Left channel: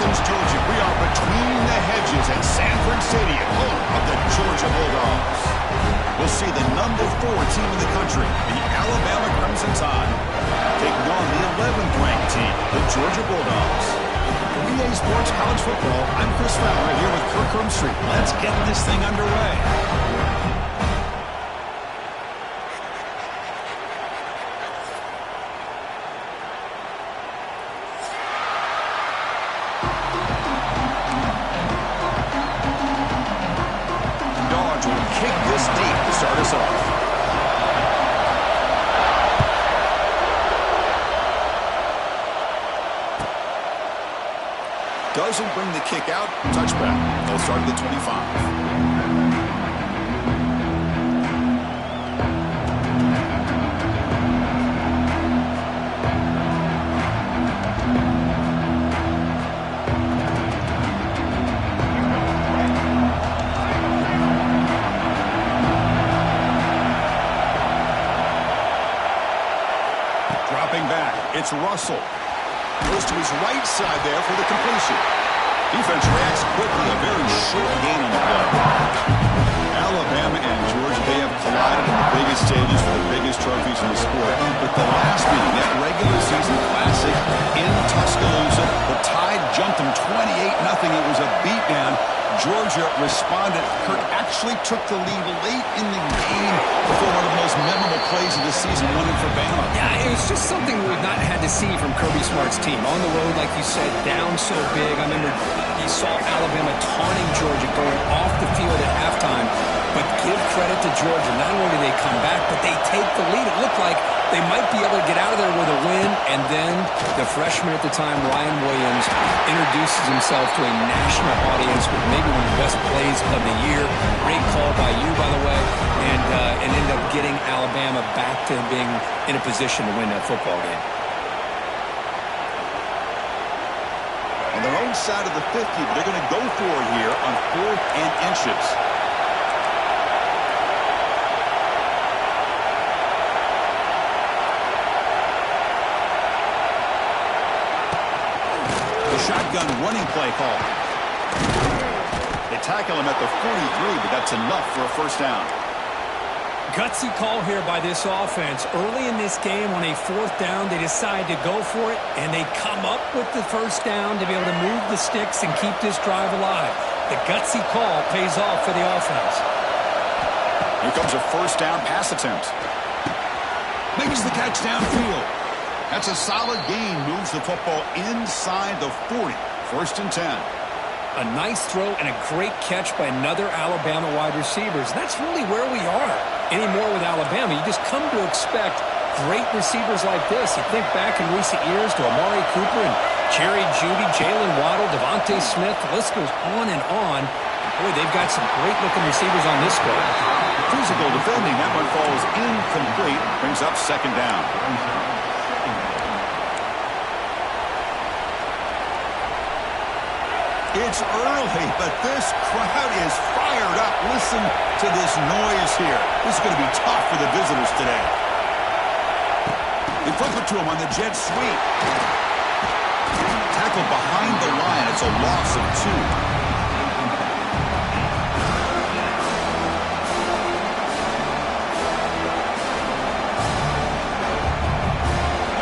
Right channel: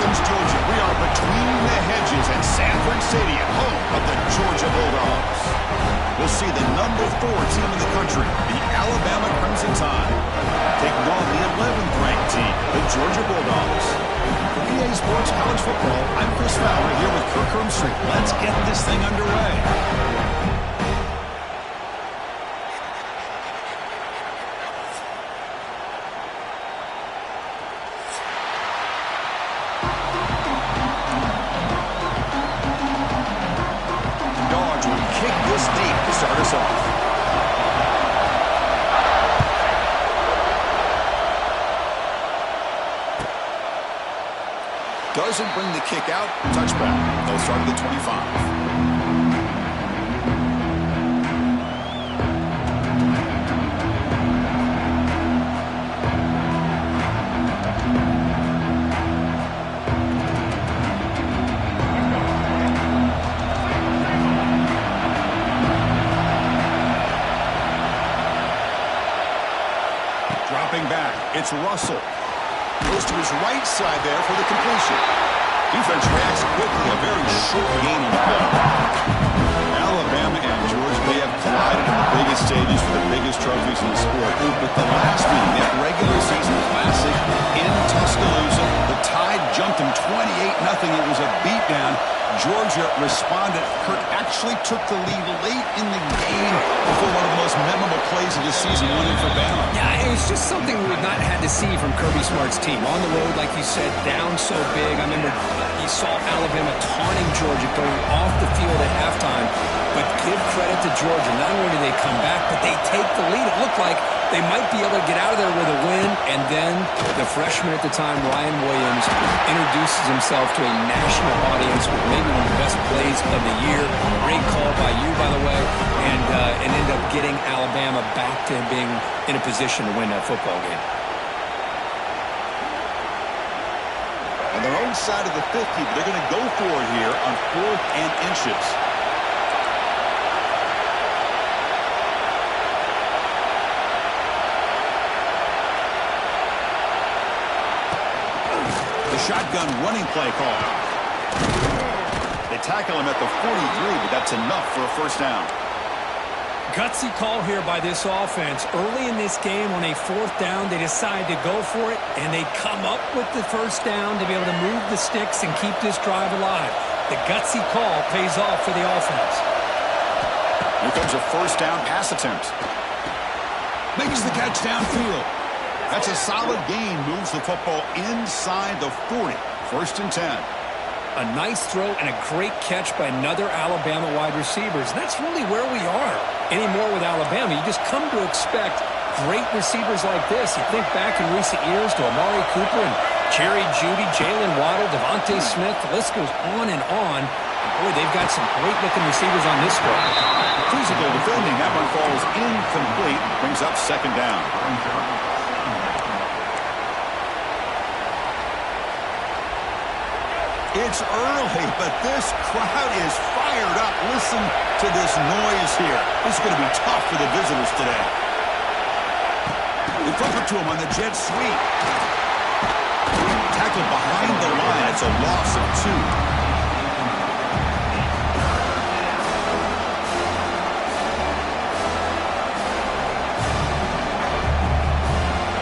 Athens, Georgia. We are between the hedges at Sanford Stadium, home of the Georgia Bulldogs. We'll see the number 4 team in the country, the Alabama Crimson Tide, taking on the 11th ranked team, the Georgia Bulldogs. For EA Sports College Football, I'm Chris Fowler here with Kirk Herbstreit. Let's get this thing underway. Kick this deep to start us off. Doesn't bring the kick out. Touchback. They'll start at the 25. Dropping back, it's Russell. Goes to his right side there for the completion. Defense reacts quickly, a very short gain on the play. Alabama and Georgia, they have collided in the biggest stages for the biggest trophies in the sport. But the last meeting, that regular season classic in Tuscaloosa, the Tide jumped them 28-0. It was a beatdown. Georgia responded. Kirk actually took the lead late in the game before one of the most memorable plays of the season went in for Bama. Yeah, it was just something we've not had to see from Kirby Smart's team. On the road, like you said, down so big. I remember you saw Alabama taunting Georgia going off the field at halftime. But give credit to Georgia. Not only do they come back, but they take the lead. It looked like they might be able to get out of there with a win. And then the freshman at the time, Ryan Williams, introduces himself to a national audience with maybe one of the best plays of the year. Great call by you, by the way. And ended up getting Alabama back to being in a position to win that football game. On their own side of the 50, but they're going to go for it here on 4th and inches. Shotgun running play call. They tackle him at the 43, but that's enough for a first down. Gutsy call here by this offense. Early in this game on a 4th down, they decide to go for it, and they come up with the first down to be able to move the sticks and keep this drive alive. The gutsy call pays off for the offense. Here comes a first down pass attempt. Makes the catch downfield. That's a solid gain, moves the football inside the 40. 1st and 10. A nice throw and a great catch by another Alabama wide receivers. That's really where we are anymore with Alabama. You just come to expect great receivers like this. You think back in recent years to Amari Cooper and Jerry Jeudy, Jalen Waddle, Devontae Smith. The list goes on and on. And boy, they've got some great-looking receivers on this squad. Physical defending. That one falls incomplete. Brings up 2nd down. It's early, but this crowd is fired up. Listen to this noise here. This is going to be tough for the visitors today. They flip it to him on the jet sweep. Tackled behind the line. It's a loss of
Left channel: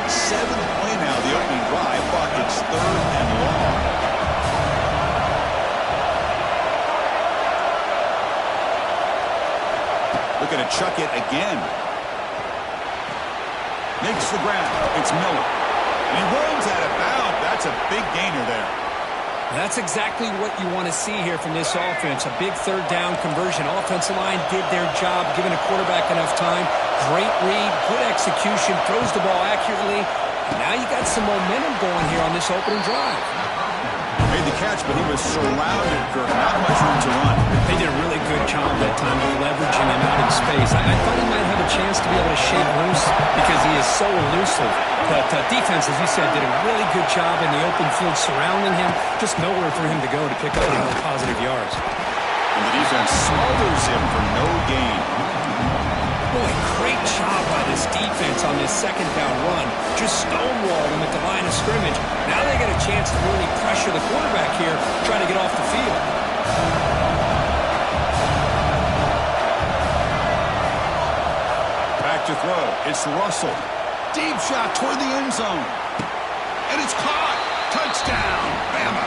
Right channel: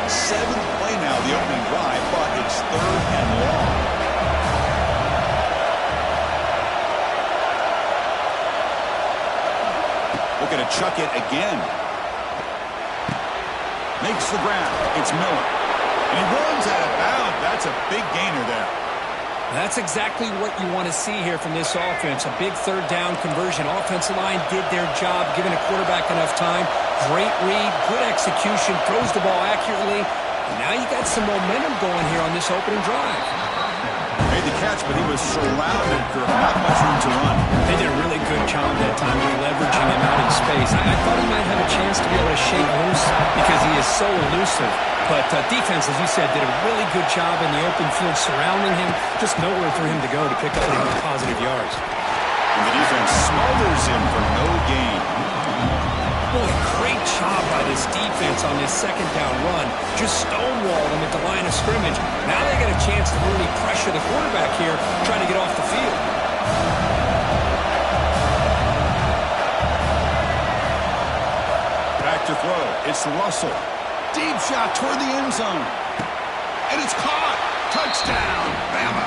2. Seventh play now, the opening drive, but it's 3rd and long. Looking to chuck it again. Makes the grab. It's Miller. And he runs out of bounds. That's a big gainer there. That's exactly what you want to see here from this offense. A big 3rd down conversion. Offensive line did their job, giving a quarterback enough time. Great read, good execution, throws the ball accurately. And now you got some momentum going here on this opening drive. Made the catch, but he was surrounded, Kirk. Not much room to run. They did a really good job that time leveraging him out in space. I thought he might have a chance to be able to shake loose because he is so elusive. But defense, as you said, did a really good job in the open field surrounding him. Just nowhere for him to go to pick up any positive yards. And the defense smothers him for no gain. Boy, great job by this defense on this second down run. Just stonewalled them at the line of scrimmage. Now they get a chance to really pressure the quarterback here, trying to get off the field. Back to throw. It's Russell. Deep shot toward the end zone. And it's caught. Touchdown, Bama.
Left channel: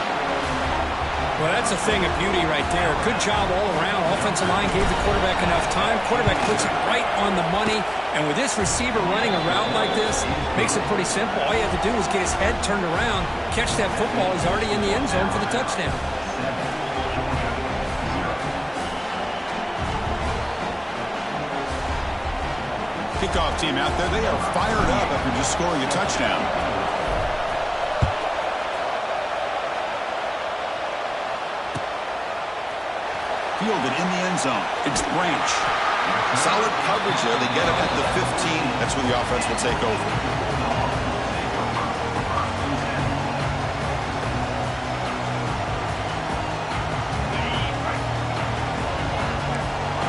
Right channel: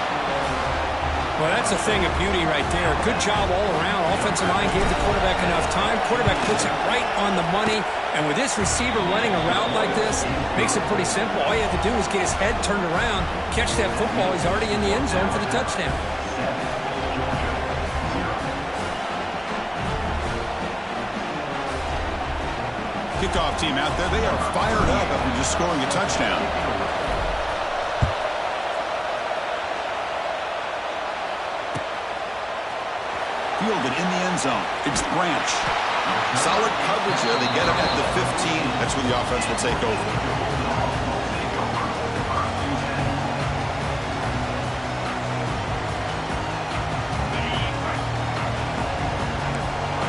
Well, that's a thing of beauty right there. Good job all around. Offensive line gave the quarterback enough time. Quarterback puts it right on the money. And with this receiver running a route like this, makes it pretty simple. All you have to do is get his head turned around, catch that football. He's already in the end zone for the touchdown. Kickoff team out there. They are fired up after just scoring a touchdown. Fielded in the end zone. It's Branch. Solid coverage there. They get him at the 15. That's where the offense will take over.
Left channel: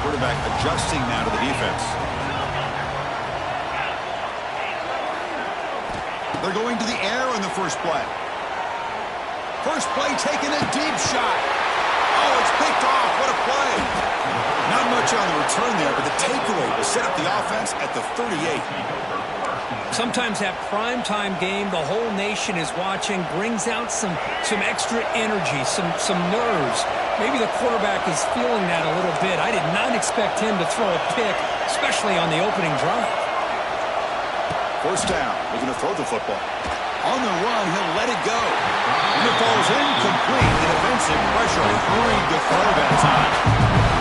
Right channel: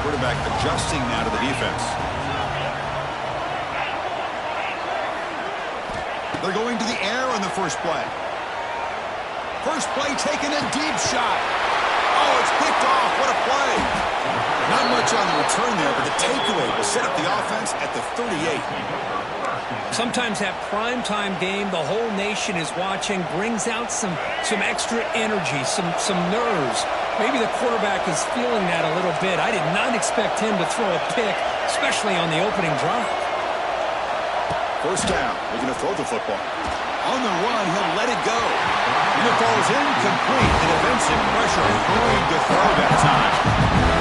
Quarterback adjusting now to the defense. They're going to the air on the first play. First play taking a deep shot. Oh, it's picked off. What a play. Not much on the return there, but the takeaway will set up the offense at the 38. Sometimes that primetime game, the whole nation is watching, brings out some extra energy, some nerves. Maybe the quarterback is feeling that a little bit. I did not expect him to throw a pick, especially on the opening drive. First down, looking to throw the football. On the run, he'll let it go. And it falls incomplete. The defensive pressure hurried to throw that time.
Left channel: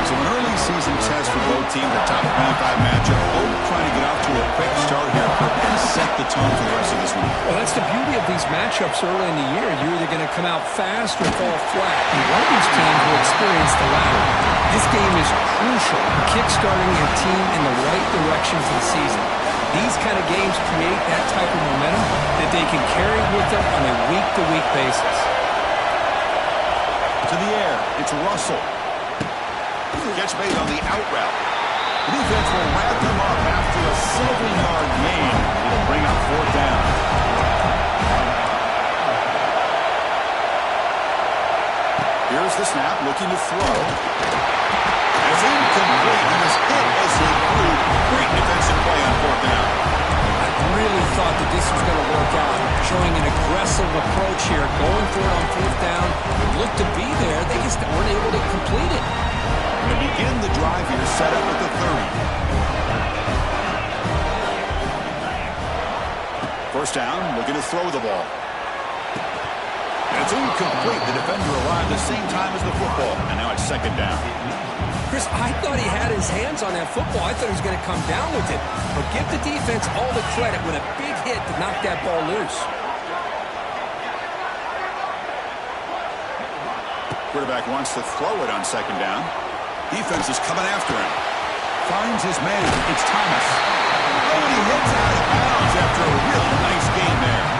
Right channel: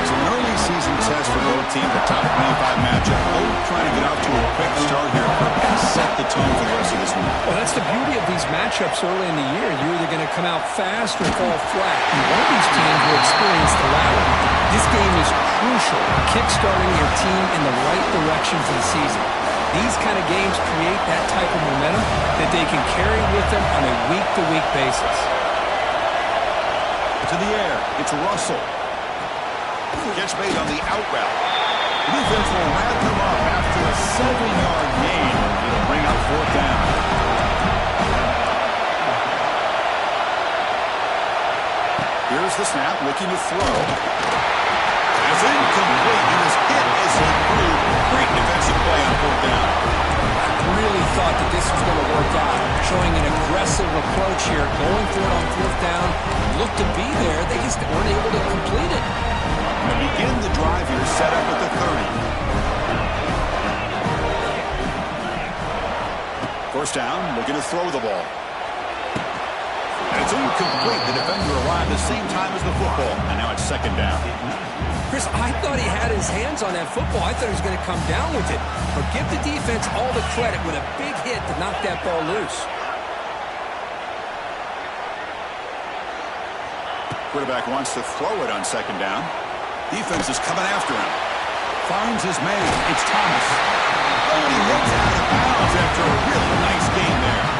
So an early season test for both teams, a top 25 matchup. Both trying to get off to a quick start here, Kirk, and set the tone for the rest of this week. Well, that's the beauty of these matchups early in the year. You're either going to come out fast or fall flat. And one of these teams will experience the latter. This game is crucial, kickstarting your team in the right direction for the season. These kind of games create that type of momentum that they can carry with them on a week-to-week basis. To the air, it's Russell. Catch made on the out route. The defense will wrap him up after a 7-yard gain. It'll bring up fourth down. Here's the snap, looking to throw. It's incomplete. He was hit as he threw. Great defensive play on fourth down. I really thought that this was going to work out, showing an aggressive approach here, going for it on fourth down. It looked to be there. They just weren't able to complete it. To begin the drive here, set up at the 30. First down, looking to throw the ball. And it's incomplete. The defender arrived the same time as the football, and now it's second down. Chris, I thought he had his hands on that football. I thought he was going to come down with it. But give the defense all the credit with a big hit to knock that ball loose. Quarterback wants to throw it on second down. Defense is coming after him. Finds his man. It's Thomas. Oh, and he hits out of bounds after a really nice game there.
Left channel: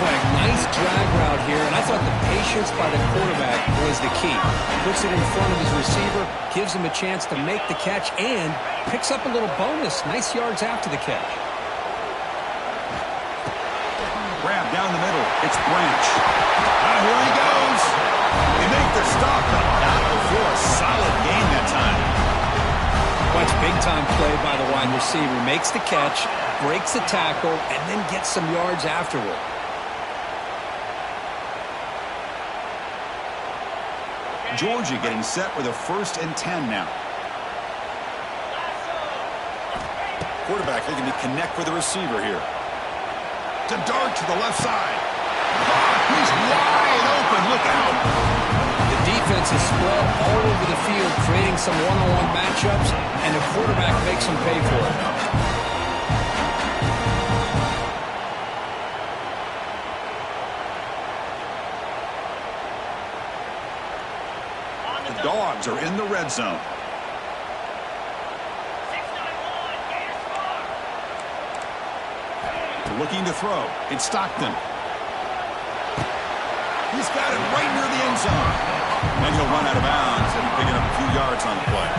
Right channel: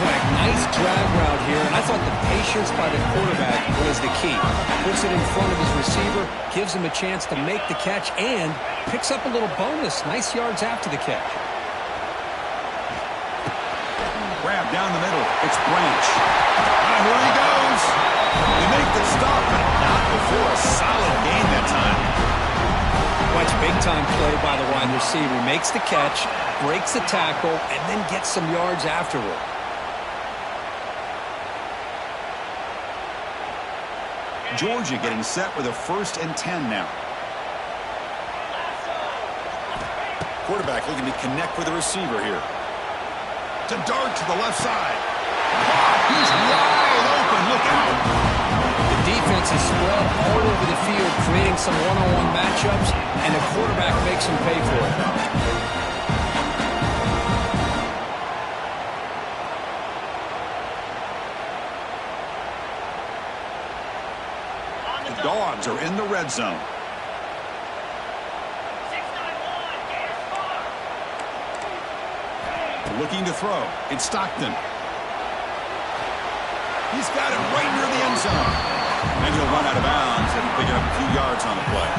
Boy, a nice drag route here, and I thought the patience by the quarterback was the key. Puts it in front of his receiver, gives him a chance to make the catch, and picks up a little bonus. Nice yards after the catch. Grab down the middle. It's Branch. Here he goes. They make the stop, but not before a solid gain that time. Watch big-time play by the wide receiver. Makes the catch, breaks the tackle, and then gets some yards afterward. Georgia getting set with a 1st and 10 now. Quarterback looking to connect with the receiver here. To dart to the left side. He's wide open. Look out. The defense is spread all over the field, creating some one-on-one matchups, and the quarterback makes them pay for it. The Dogs are in the red zone. Looking to throw. It's Stockton. He's got it right near the end zone. And he'll run out of bounds and pick up a few yards on the play.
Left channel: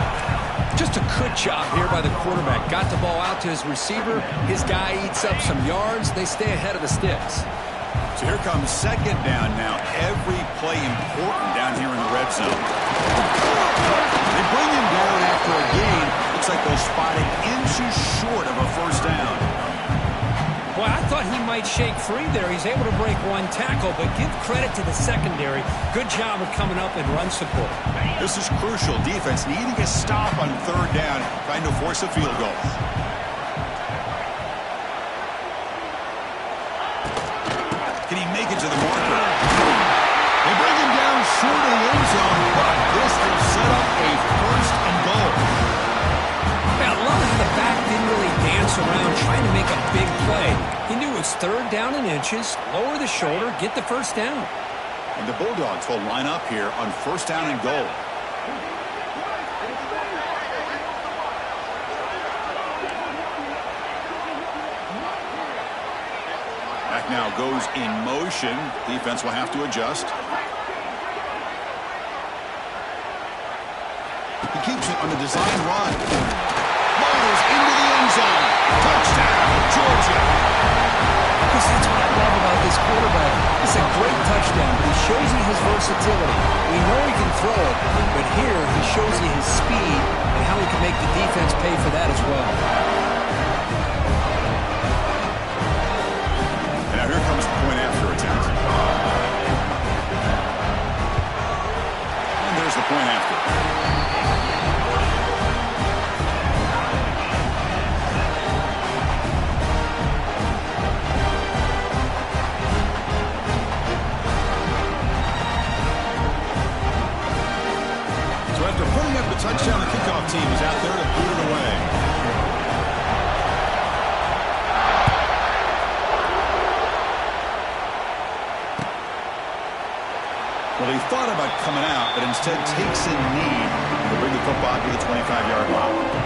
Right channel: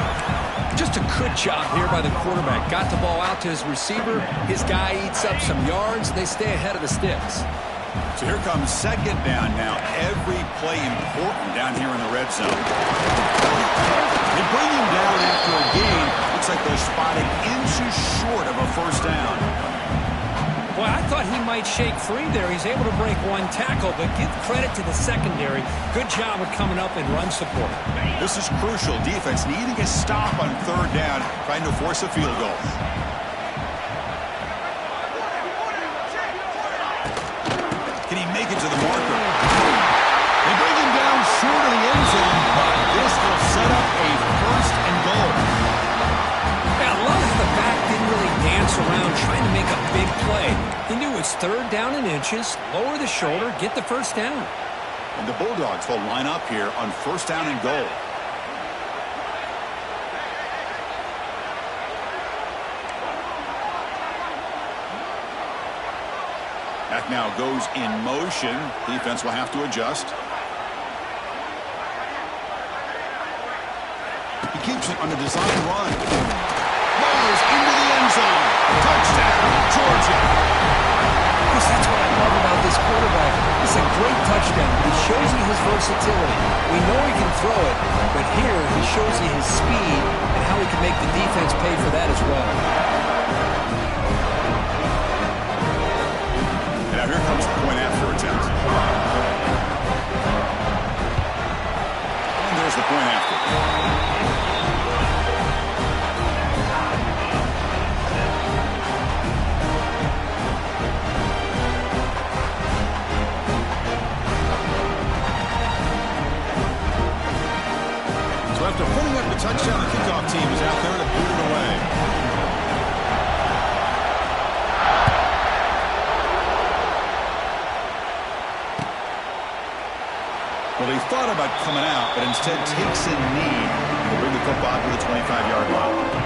Just a good job here by the quarterback. Got the ball out to his receiver. His guy eats up some yards. They stay ahead of the sticks. So here comes second down now. Every play important down here in the red zone. They bring him down after a gain. Looks like they'll spot it inches short of a first down. Boy, I thought he might shake free there. He's able to break one tackle, but give credit to the secondary. Good job of coming up and run support. This is crucial. Defense needing a stop on third down, trying to force a field goal. Can he make it to the marker? They bring him down short of the end zone, but this will set up a first and goal. Yeah, I love how the back didn't really dance around trying to make a big play. He knew it's third down in inches, lower the shoulder, get the first down. And the Bulldogs will line up here on first down and goal. Back now goes in motion. Defense will have to adjust. He keeps it on the design run. Motors into the end zone. Touchdown, Georgia. Chris, that's what I love about this quarterback. It's a great touchdown, but he shows you his versatility. We know he can throw it, but here he shows you his speed and how he can make the defense pay for that as well. And now here comes the point after attempt. And there's the point after. So after putting up the touchdown, the kickoff team is out there to boot it away. Well, he thought about coming out, but instead takes in knee to bring the football to the 25-yard line.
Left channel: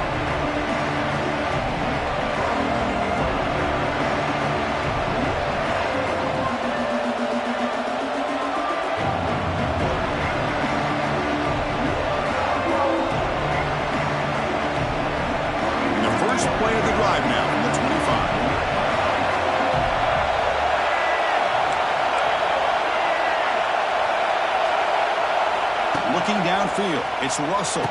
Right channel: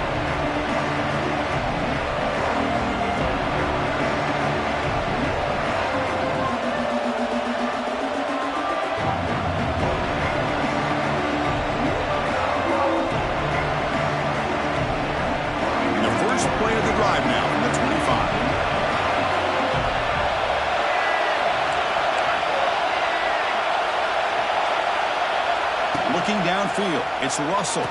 Play of the drive now from the 25. Looking downfield, it's Russell.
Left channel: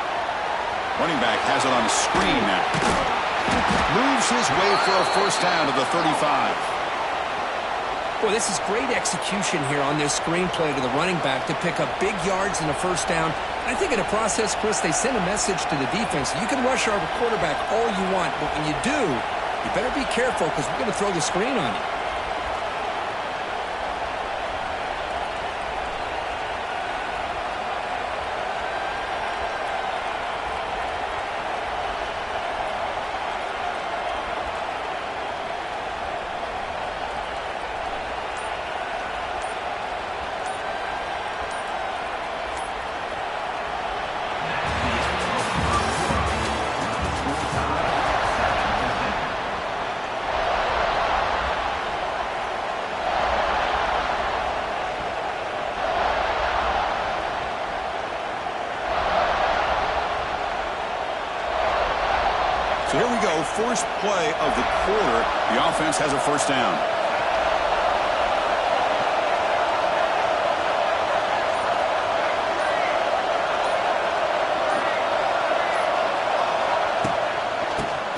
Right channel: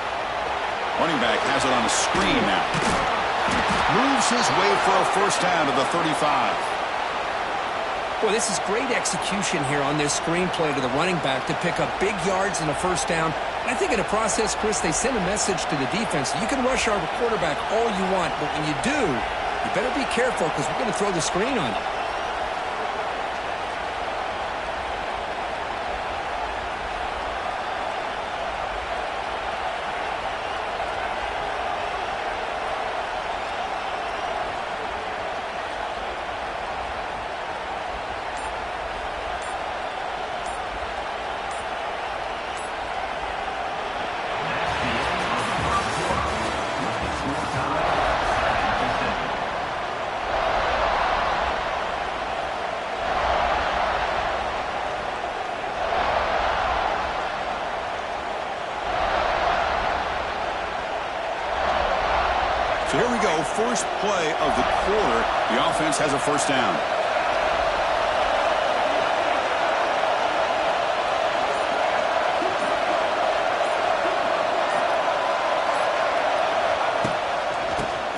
Running back has it on a screen now. Moves his way for a first down to the 35. Boy, this is great execution here on this screen play to the running back to pick up big yards and a first down. I think in the process, Chris, they send a message to the defense. You can rush our quarterback all you want, but when you do, you better be careful because we're going to throw the screen on you. So here we go, first play of the quarter. The offense has a first down.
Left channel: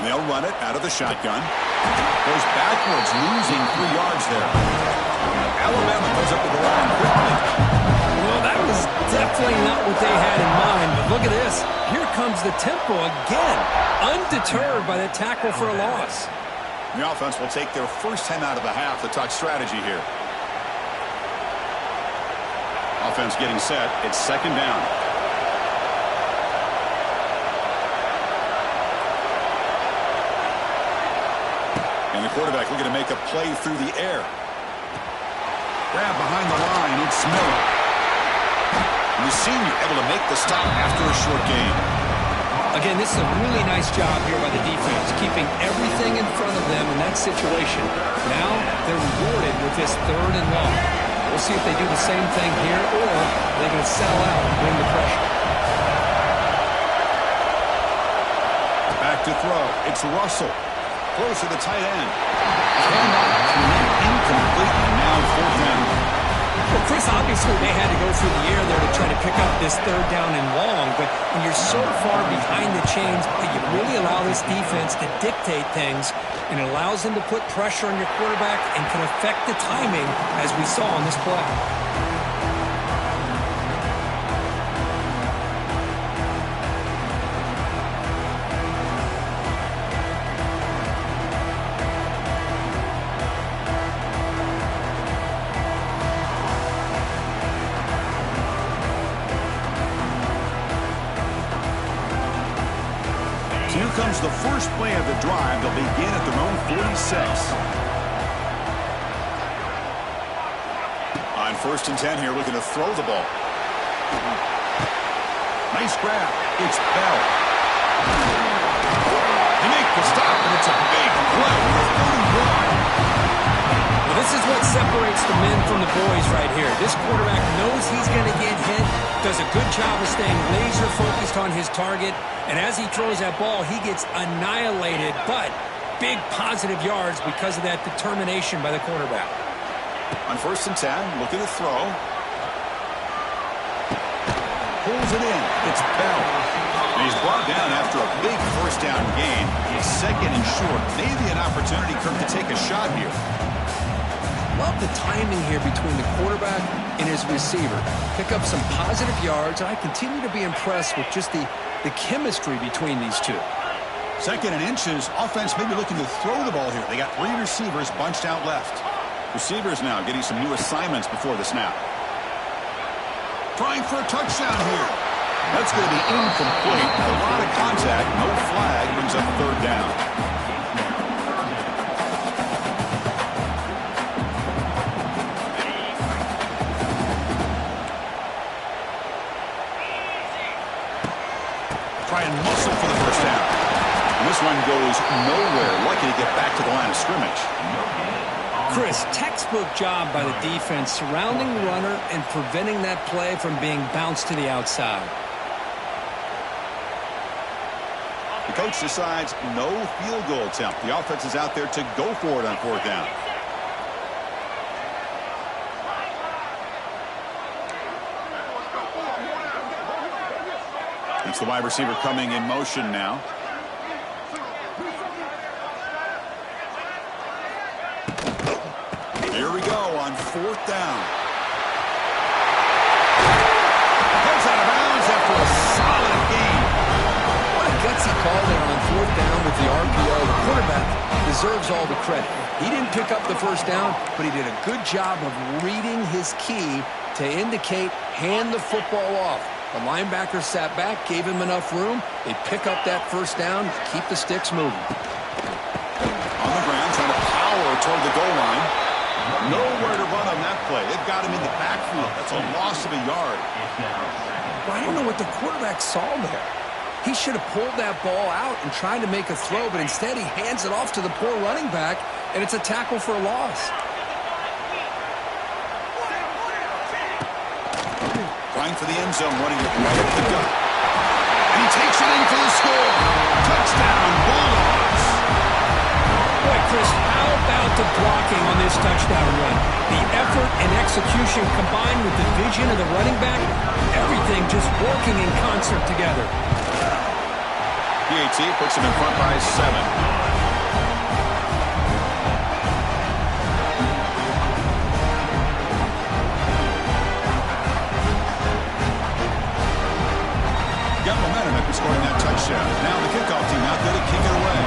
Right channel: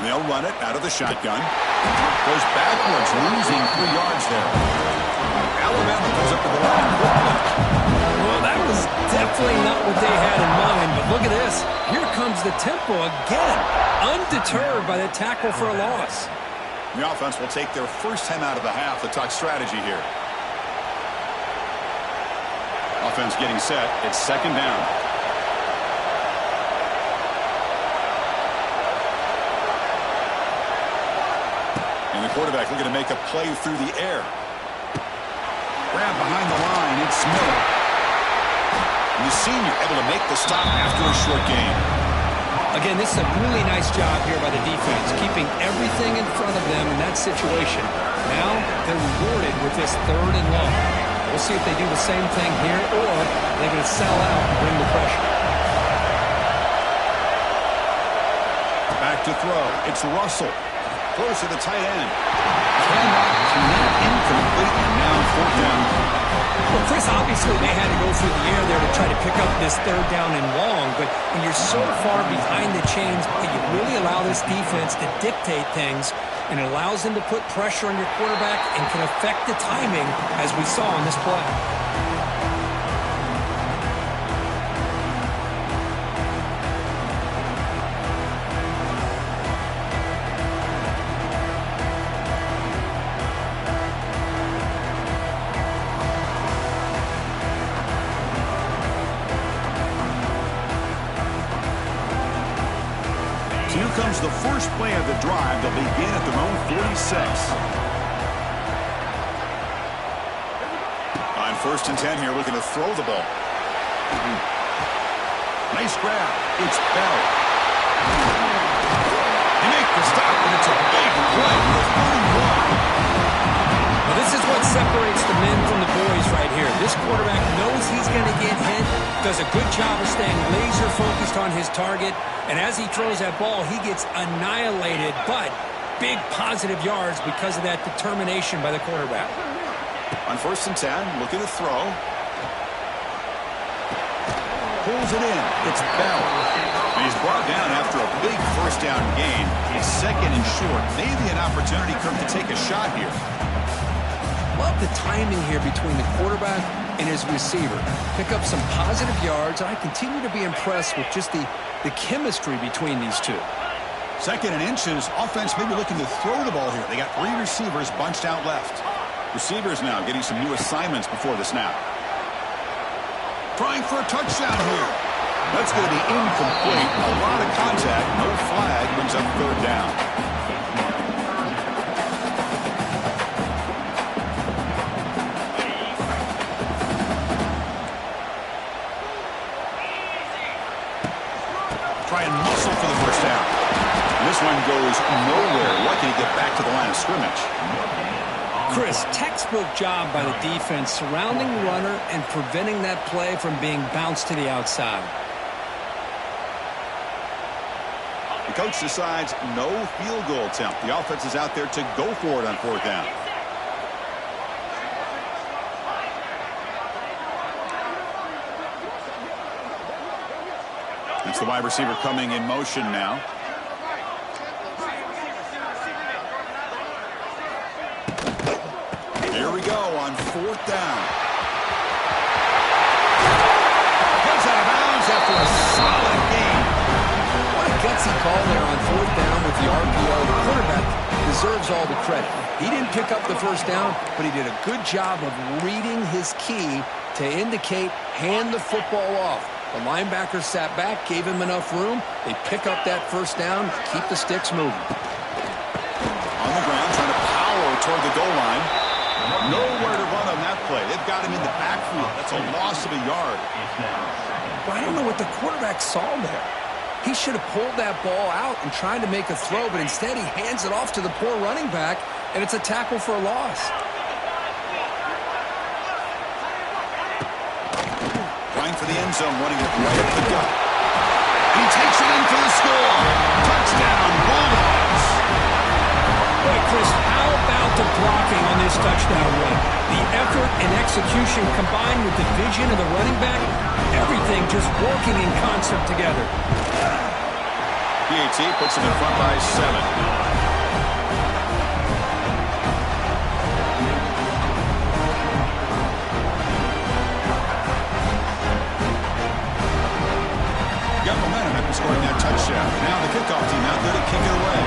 And they'll run it out of the shotgun. Goes backwards, losing 3 yards there. Alabama comes up to the line quickly. Well, that was definitely not what they had in mind, but look at this. Here comes the tempo again. Undeterred by the tackle for a loss. The offense will take their first time out of the half to talk strategy here. Offense getting set. It's second down. And the quarterback looking to make a play through the air. Grab behind the line. It's Miller. And the senior able to make the stop after a short gain. Again, this is a really nice job here by the defense, keeping everything in front of them in that situation. Now they're rewarded with this third and long. We'll see if they do the same thing here, or they're going to sell out and bring the pressure. Back to throw. It's Russell. Close to the tight end. Cannot connect. Incomplete. And now 4th down. Well, Chris, obviously they had to go through the air there to try to pick up this 3rd down and long, but when you're so far behind the chains, you really allow this defense to dictate things, and it allows them to put pressure on your quarterback and can affect the timing, as we saw on this play. 2 comes the first play of the drive. They'll begin at their own 46. On 1st and 10 here, looking to throw the ball. Nice grab. It's Bell. They make the stop, and it's a big play with a 31. Well, this is what separates the men from the boys right here. This quarterback knows he's going to get hit, does a good job of staying laser focused on his target, and as he throws that ball, he gets annihilated, but big positive yards because of that determination by the quarterback. On 1st and 10, looking to throw. Pulls it in. It's Bell. And he's brought down after a big 1st down gain. He's 2nd and short. Maybe an opportunity, Kirk, to take a shot here. Love the timing here between the quarterback and his receiver. Pick up some positive yards, and I continue to be impressed with just the chemistry between these two. 2nd and inches. Offense maybe looking to throw the ball here. They got 3 receivers bunched out left. Receivers now getting some new assignments before the snap. Trying for a touchdown here. That's going to be incomplete. A lot of contact. No flag. Brings up 3rd down. Try and muscle for the 1st down. And this one goes nowhere. Lucky to get back to the line of scrimmage. Chris, textbook job by the defense surrounding the runner and preventing that play from being bounced to the outside. The coach decides no field goal attempt. The offense is out there to go for it on 4th down. It's the wide receiver coming in motion now. Here we go on 4th down. Gets out of bounds after a solid gain. What a gutsy call there on 4th down with the RPO. The quarterback deserves all the credit. He didn't pick up the 1st down, but he did a good job of reading his key to indicate hand the football off. The linebacker sat back, gave him enough room. They pick up that 1st down, keep the sticks moving. On the ground, trying to power toward the goal line. Nowhere to run on that play. They've got him in the backfield. That's a loss of a yard. But I don't know what the quarterback saw there. He should have pulled that ball out and tried to make a throw, but instead he hands it off to the poor running back, and it's a tackle for a loss. Trying for the end zone, running it right up the gut. And he takes it in for the score. Touchdown, Bulldogs. Boy, Chris, how about the blocking on this touchdown run? The effort and execution combined with the vision of the running back, everything just working in concert together. PAT puts him in front by 7. Got momentum after scoring that touchdown. Now the kickoff team out there to kick it away.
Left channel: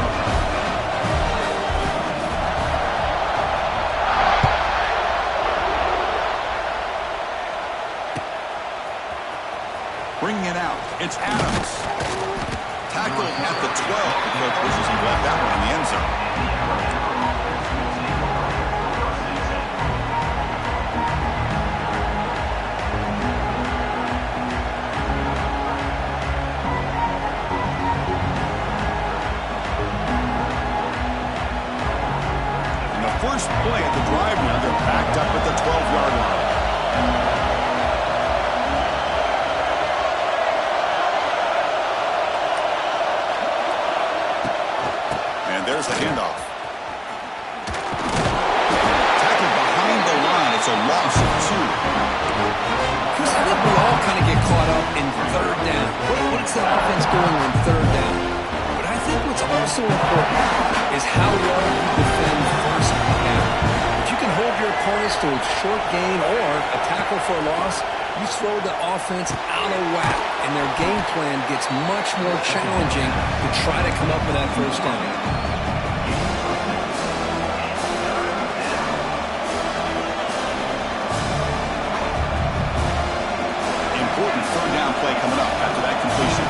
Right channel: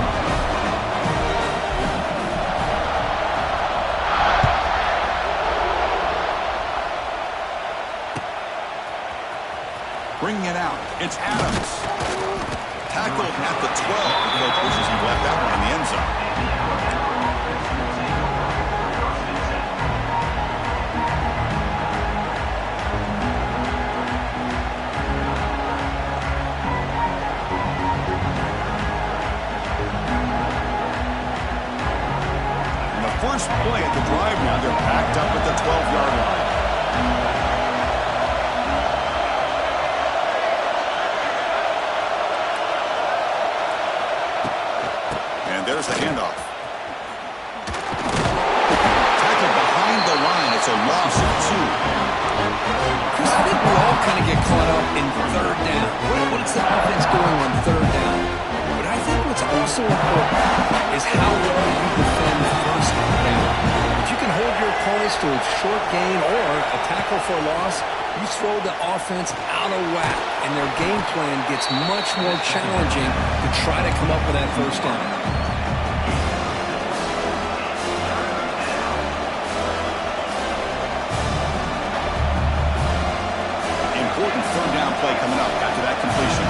Bringing it out. It's Adams. Tackled at the 12. The coach wishes he left that one in the end zone. First play at the drive now. They're backed up at the 12-yard line. There's the handoff. Tackled behind the line. It's a loss of 2. Chris, I think we all kind of get caught up in third down. What is the offense doing on third down? But I think what's also important is how well you defend first down. If you can hold your opponents to a short gain or a tackle for a loss, you throw the offense out of whack, and their game plan gets much more challenging to try to come up with that first down. Important third down play coming up after that completion.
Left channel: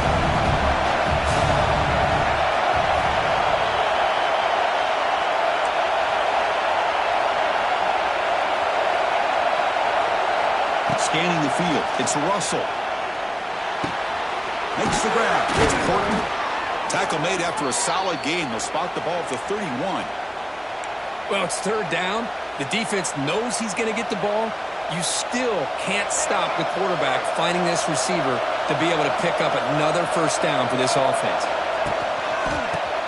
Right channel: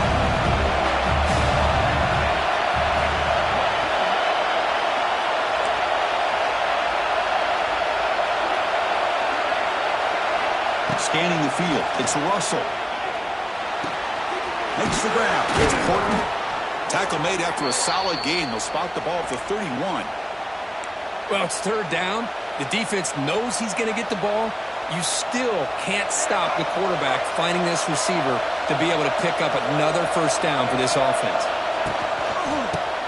Scanning the field. It's Russell. Makes the grab. It's Horton. Tackle made after a solid gain. They'll spot the ball at the 31. Well, it's third down. The defense knows he's going to get the ball. You still can't stop the quarterback finding this receiver to be able to pick up another first down for this offense.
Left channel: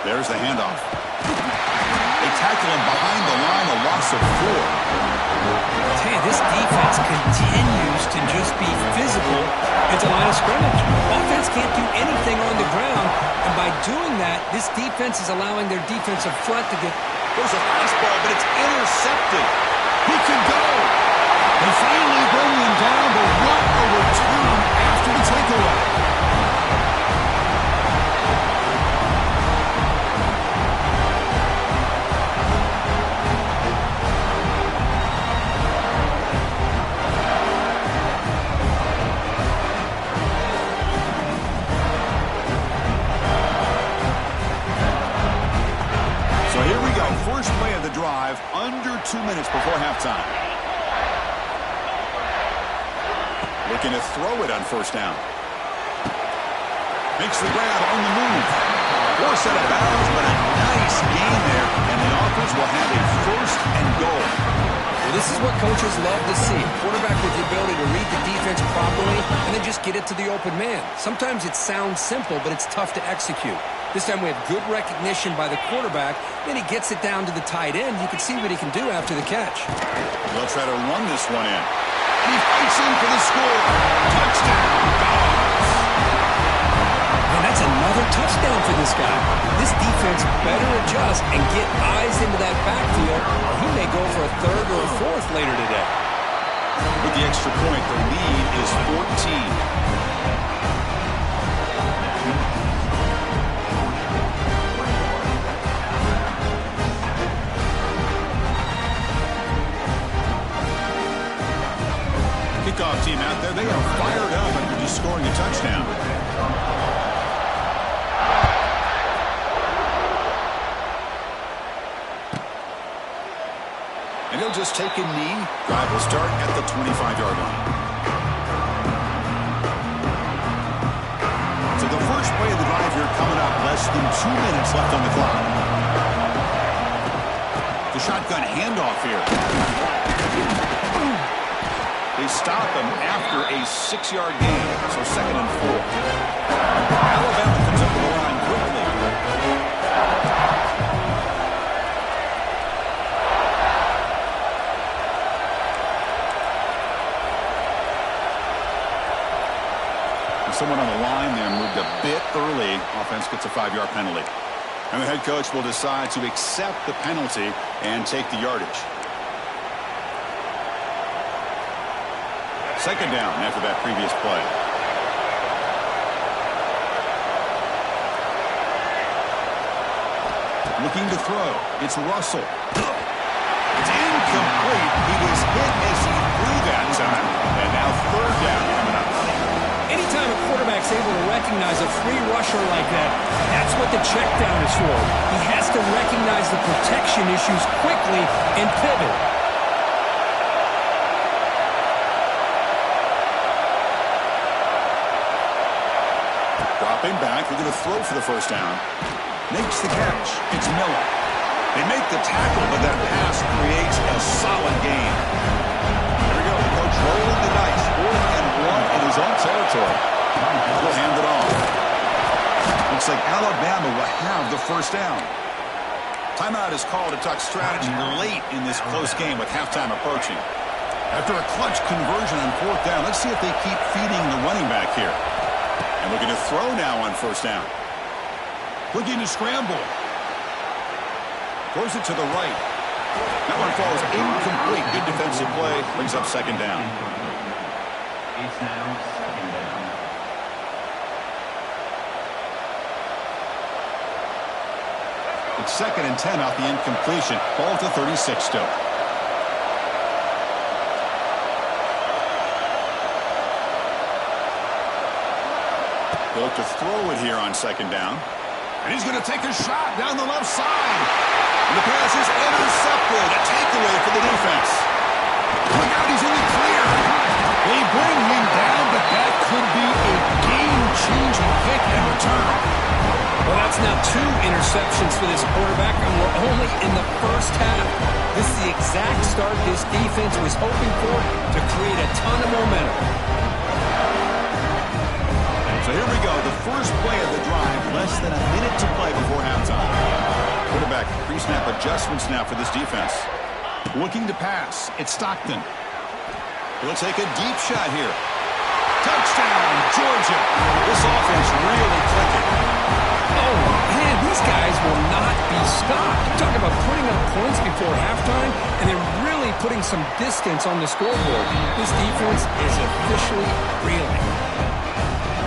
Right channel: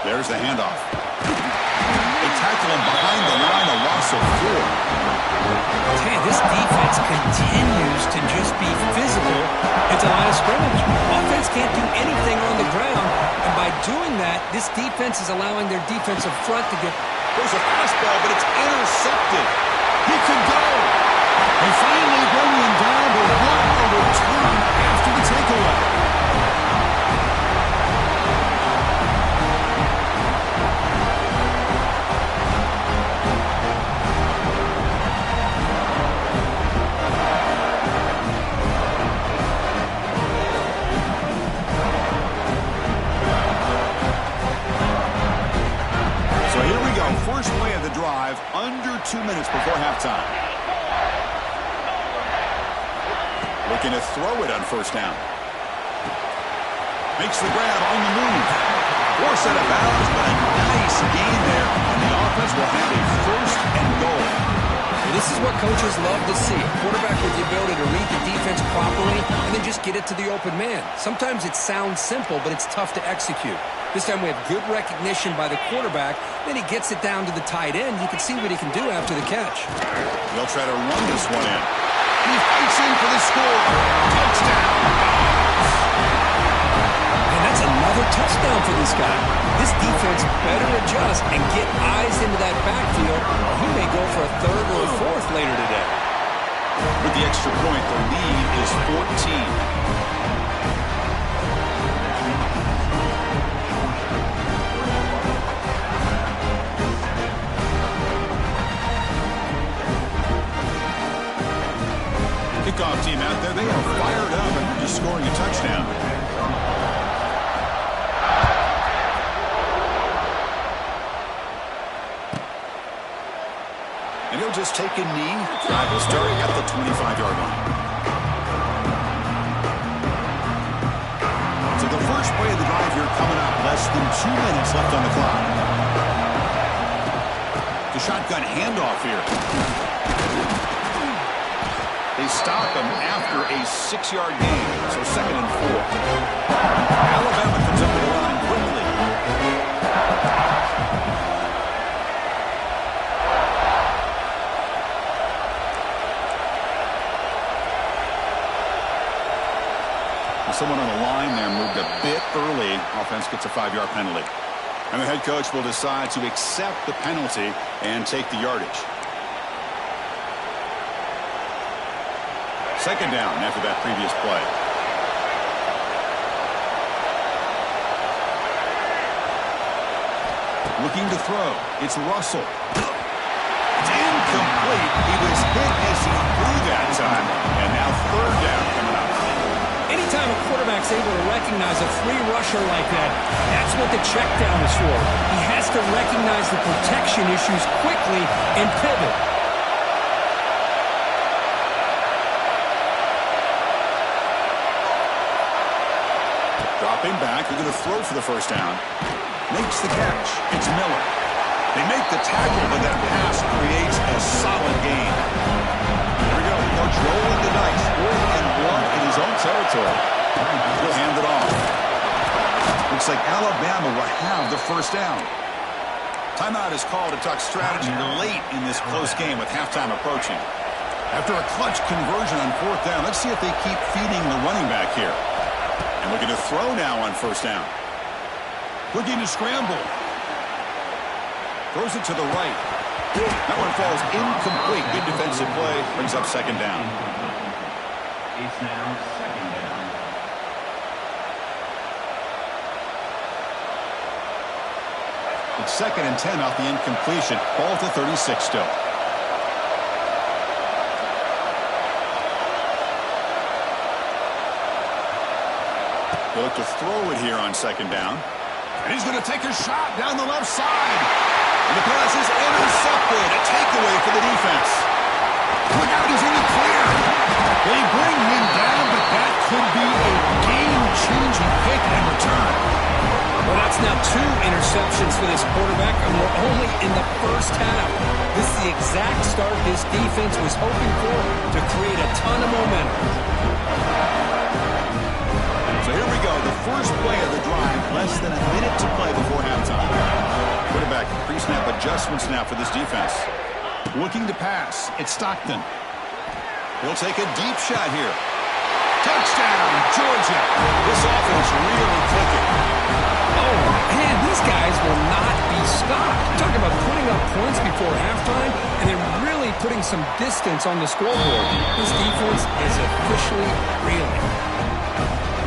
There's the handoff. They tackle him behind the line, a loss of 4. I'll tell you, this defense continues to just be physical at the line of scrimmage. Offense can't do anything on the ground, and by doing that, this defense is allowing their defensive front to get... There's a fastball, but it's intercepted. He could go. They finally bring him down, but what a return after the takeaway. So here we go. First play of the drive, under 2 minutes before halftime. Looking to throw it on first down. Makes the grab on the move. Force out of bounds, but a nice gain there, and the offense will have a first and goal. Well, this is what coaches love to see. A quarterback with the ability to read the defense properly and then just get it to the open man. Sometimes it sounds simple, but it's tough to execute. This time we have good recognition by the quarterback. Then he gets it down to the tight end. You can see what he can do after the catch. They'll try to run this one in. And he fights in for the score. Touchdown, Dogs. And that's another touchdown for this guy. This defense better adjust and get eyes into that backfield, or he may go for a third or a fourth later today. With the extra point, the lead is 14. Kickoff team out there, they are fired up after just scoring a touchdown. And he'll just take a knee. Drive will start at the 25-yard line. So the first play of the drive here coming up. Less than 2 minutes left on the clock. The shotgun handoff here. They stop him after a 6-yard gain, so 2nd and 4. Alabama comes up to the line quickly. And someone on the line there moved a bit early. Offense gets a 5-yard penalty. And the head coach will decide to accept the penalty and take the yardage. 2nd down after that previous play. Looking to throw. It's Russell. It's incomplete. He was hit as he threw that time. And now 3rd down coming up. Anytime a quarterback's able to recognize a free rusher like that, that's what the check down is for. He has to recognize the protection issues quickly and pivot. Dropping back, they're going to throw for the first down. Makes the catch. It's Miller. They make the tackle, but that pass creates a solid gain. Here we go. The coach rolling the dice. 4th and 1 in his own territory. He'll hand it off. Looks like Alabama will have the first down. Timeout is called to talk strategy late in this close game with halftime approaching. After a clutch conversion on 4th down, let's see if they keep feeding the running back here. And looking to throw now on 1st down. Looking to scramble. Throws it to the right. That one falls incomplete. Good defensive play. Brings up 2nd down. It's now 2nd down. It's 2nd and 10 off the incompletion. Ball to 36 still. They look to throw it here on 2nd down. And he's going to take a shot down the left side. And the pass is intercepted. A takeaway for the defense. Look out, he's in the clear. They bring him down, but that could be a game-changing pick and return. Well, that's now 2 interceptions for this quarterback, and we're only in the first half. This is the exact start this defense was hoping for to create a ton of momentum. So here we go, the first play of the drive, less than a minute to play before halftime. Quarterback pre-snap adjustments now for this defense. Looking to pass, it's Stockton. He'll take a deep shot here. Touchdown, Georgia. This offense really clicking. Oh, man, these guys will not be stopped. Talk about putting up points before halftime and then really putting some distance on the scoreboard. This defense is officially reeling.